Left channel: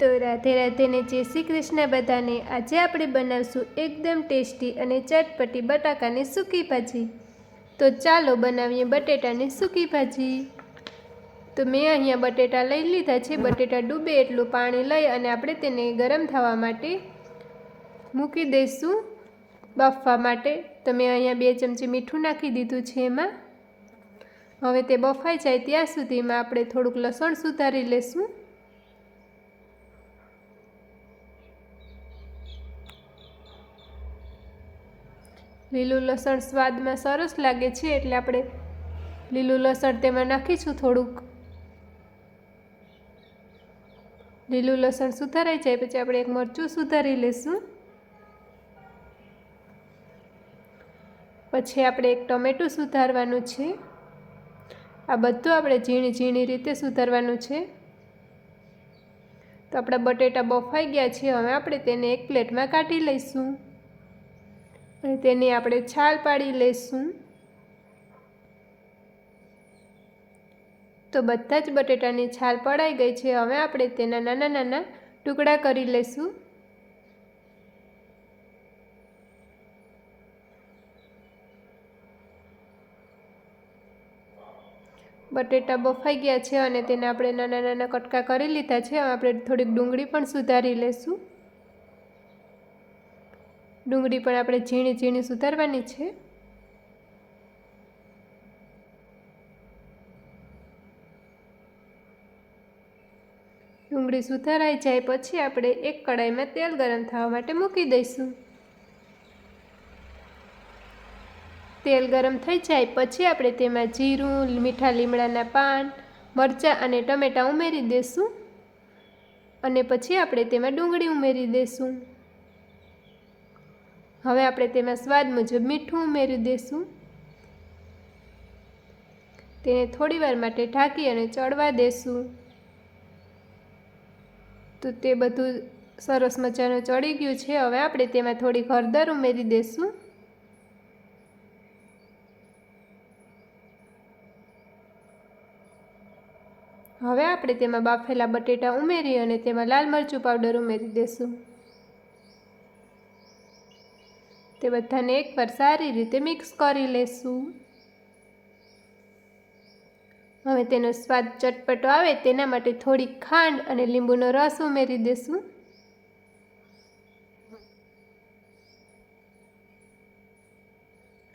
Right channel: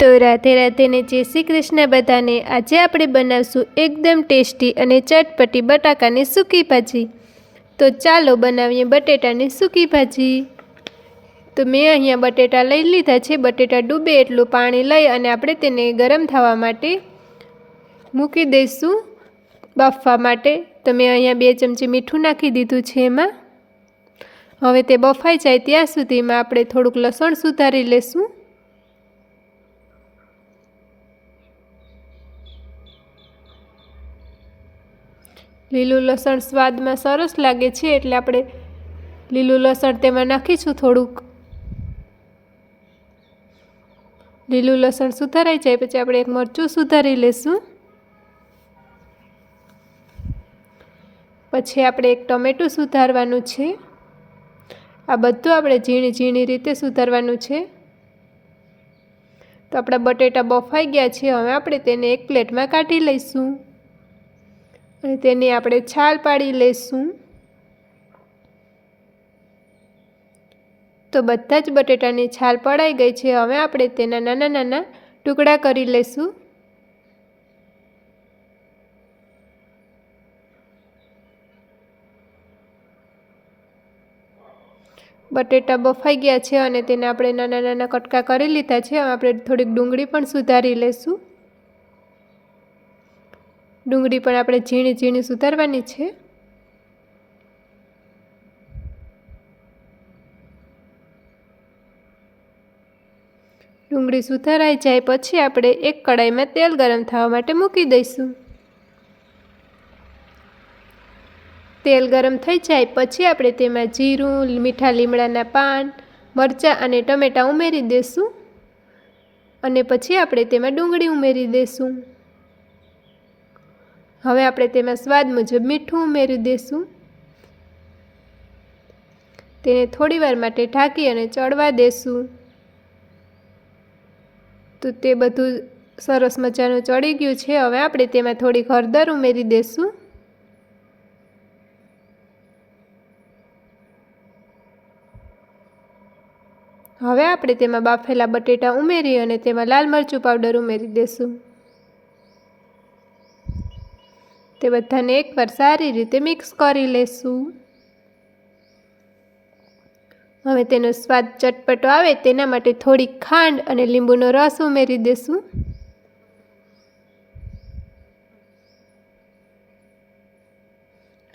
તો રાધે રાધે ને જય શ્રી કૃષ્ણ બધાને. આજે આપણે બનાવશું એકદમ ટેસ્ટી અને ચટપટી બટાકાની સૂકી ભાજી. તો ચાલો બનાવીએ બટેટાની સૂકી ભાજી. તો મેં અહીંયા બટેટા લઈ લીધા છે. બટેટા ડૂબે એટલું પાણી લઈ અને આપણે તેને ગરમ થવા માટે મૂકી દઈશું બફવા માટે. તો મેં અહીંયા બે ચમચી મીઠું નાખી દીધું છે એમાં. હવે તે બફાઈ જાય ત્યાં સુધીમાં આપણે થોડુંક લસણ સુધારી લેશું. લીલું લસણ સ્વાદમાં સરસ લાગે છે એટલે આપણે લીલું લસણ તેમાં નાખીશું થોડુંક. લીલું લસણ સુધારાઈ જાય પછી આપણે એક મરચું સુધારી લઈશું પછી આપણે એક ટમેટું સુધારવાનું છે. આ બધું આપણે ઝીણી ઝીણી રીતે સુધારવાનું છે. તો આપણા બટેટા બફાઈ ગયા છે, હવે આપણે તેને એક પ્લેટમાં કાઢી લઈશું. અને તેની આપણે છાલ પાડી લઈશું તો બધા જ બટેટાની છાલ પડાઈ ગઈ છે. હવે આપણે તેના નાના નાના ટુકડા કરી લઈશું બટેટા બફાઈ ગયા છે અને તેને આપણે નાના નાના કટકા કરી લીધા છે. આપણે થોડીક ડુંગળી પણ સુધારી લઈશું ડુંગળી પણ આપણે ઝીણી ઝીણી સુધારવાની છે. ડુંગળી સુધારાઈ જાય પછી આપણે એક કડાઈમાં તેલ ગરમ થવા માટે મૂકી દઈશું. તેલ ગરમ થઈ જાય પછી આપણે તેમાં જીરું મીઠા લીમડાના પાન, મરચાં અને ટમેટાં ઉમેરી દઈશું. અને પછી આપણે તેમાં ડુંગળી ઉમેરી દઈશું. હવે આપણે તેમાં સ્વાદ મુજબ મીઠું ઉમેરી દઈશું તેને થોડીવાર માટે ઢાંકી અને ચડવા દેશું. તો તે બધું સરસ મજાનું ચડી ગયું છે. હવે આપણે તેમાં થોડી હળદર ઉમેરી દઈશું હવે આપણે તેમાં બાફેલા બટેટા ઉમેરી અને તેમાં લાલ મરચું પાવડર ઉમેરી દઈશું તે બધાને એકવાર સારી રીતે મિક્સ કરી લેશું. હવે તેનો સ્વાદ ચટપટો આવે તેના માટે થોડીક ખાંડ અને લીંબુનો રસ ઉમેરી દેશું.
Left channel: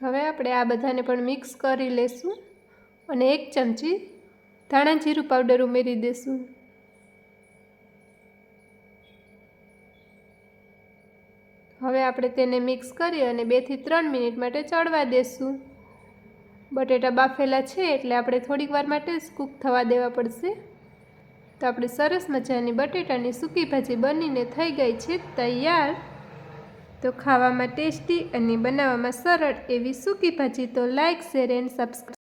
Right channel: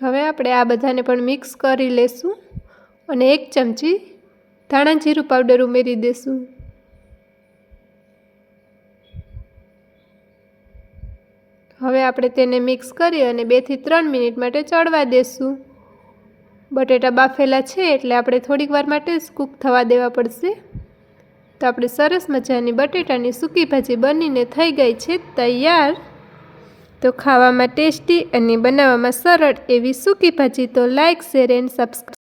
હવે આપણે આ બધાને પણ મિક્સ કરી લેશું અને એક ચમચી ધાણા જીરું પાવડર ઉમેરી દેશું. હવે આપણે તેને મિક્સ કરી અને બેથી ત્રણ મિનિટ માટે ચડવા દેશું. બટેટા બાફેલા છે એટલે આપણે થોડીક વાર માટે કૂક થવા દેવા પડશે. તો આપણે સરસ મજાની બટેટાની સૂકી ભાજી બનીને થઈ ગઈ છે તૈયાર. તો ખાવામાં ટેસ્ટી અને બનાવવામાં સરળ એવી સૂકી ભાજી તો લાઇક શેર, એન્ડ સબસ્ક્રાઈબ